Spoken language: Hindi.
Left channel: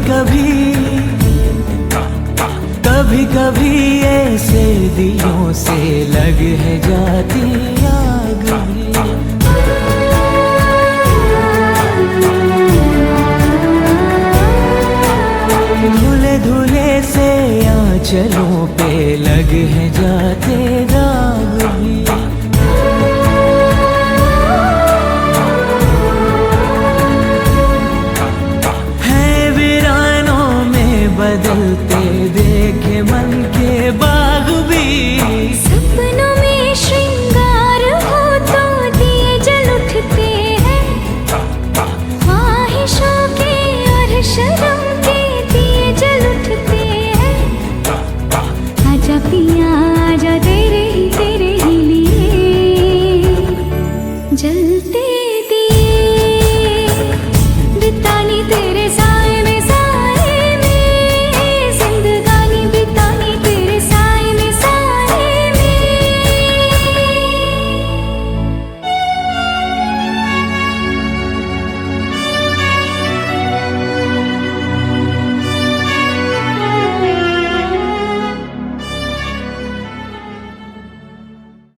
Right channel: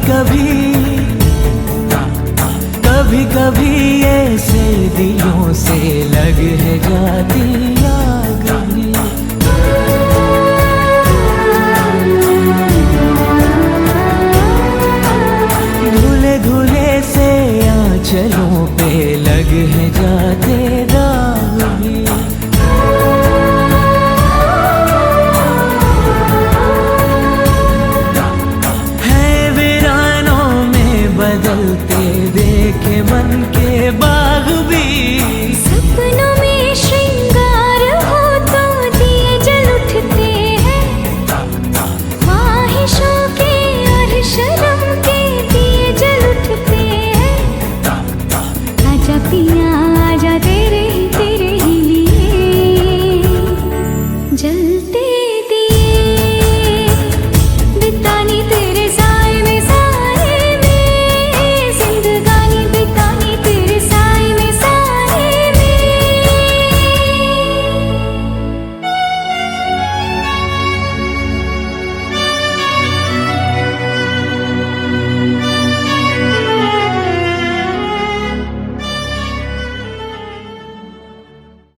कभी कभी ऐसे दिलों से लग है जाती आग भी। धुले धुले से आंचलों पे लग है जाते दाग भी। बदलते देखे मन के बाग भी। सपनों में श्रृंगार हो तो दिए जल उठते हैं, ख्वाहिशों के और शर्म के दिए जल उठते हैं। आजा पिया आजा दे